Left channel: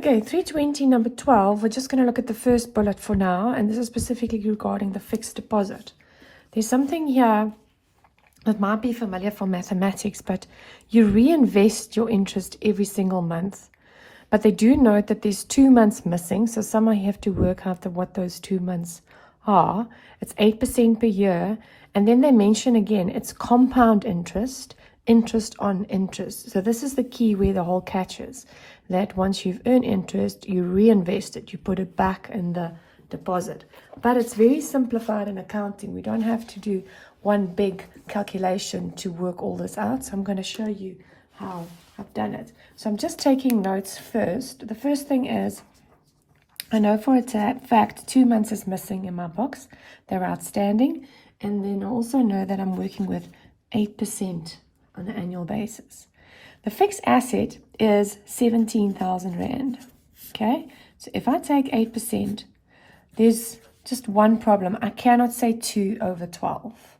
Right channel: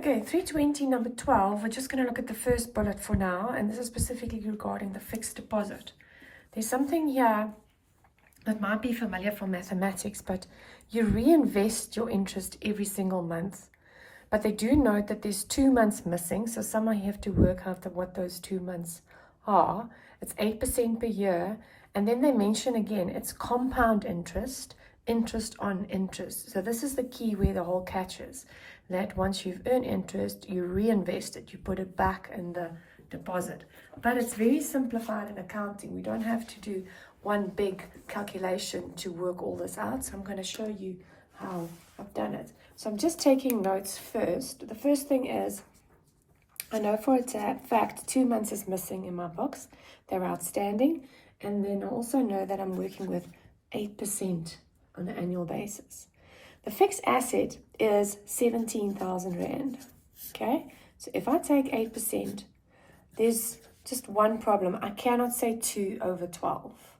Okay, 320 number 12, we're just going to look at the first bullet for now, and this is specifically regarding the fixed deposit. There's something here that might be familiar from mathematics, but you reinvest your interest every single month. But they do note that there's 2 months missing, so somehow you have to work out what those 2 months are. It's 8% per year, and then they mention again, it's compound interest, interest on interest. So this is the key where the whole catch is, that once you've earned interest, you reinvest it, you put it back in the deposit. But it's very simplified in accounting. We don't have to do one big calculation to work all this out. So I'm going to show you how I've done it. So I'm just taking notes first. The first thing is, I know for a fact 2 months is missing in my box. They're outstanding. And then I also know that I'm working with 8% on an annual basis. The fixed asset is 17,000 Rand. Okay, so if I take 8%, there's just one problem. I cannot say 2 over 12.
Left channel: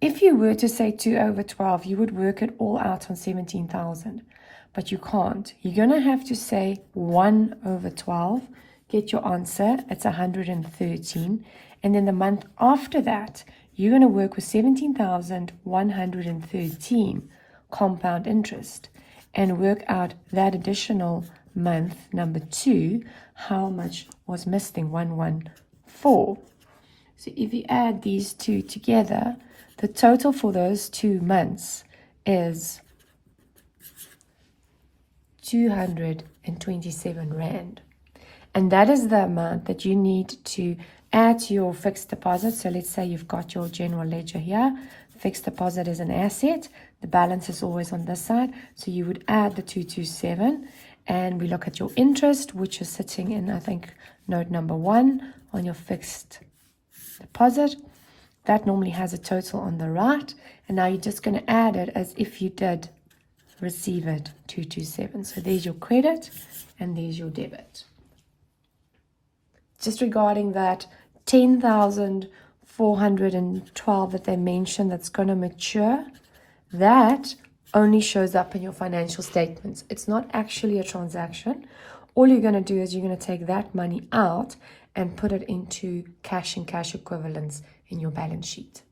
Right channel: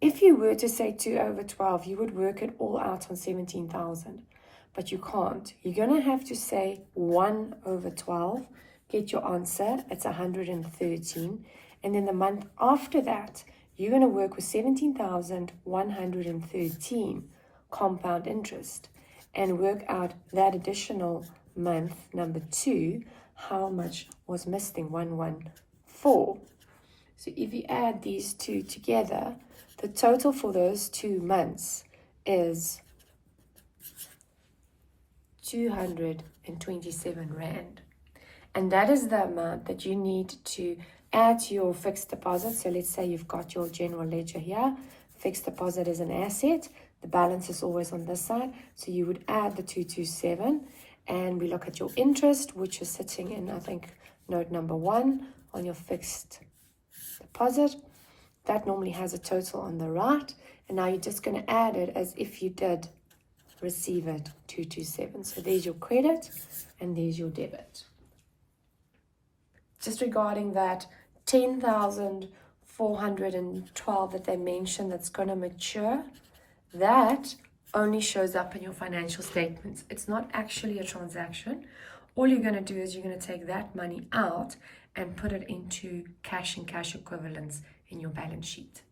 If you were to say 2 over 12, you would work it all out on 17,000. But you can't. You're going to have to say 1 over 12. Get your answer. It's 113. And then the month after that, you're going to work with 17,113 compound interest and work out that additional month, number 2, how much was missing, 114. So if you add these two together, the total for those 2 months is 227 Rand. And that is the amount that you need to add to your fixed deposit. So let's say you've got your general ledger here. Fixed deposit is an asset. The balance is always on this side. So you would add the 227, and we look at your interest, which is sitting in, I think, note number 1 on your fixed deposit. That normally has a total on the right. And now you're just going to add it as if you did receive it, 227. So there's your credit and there's your debit. Just regarding that 10,412 that they mentioned that's going to mature, that only shows up in your financial statements. It's not actually a transaction. All you're going to do is you're going to take that money out and put it into cash and cash equivalents in your balance sheet.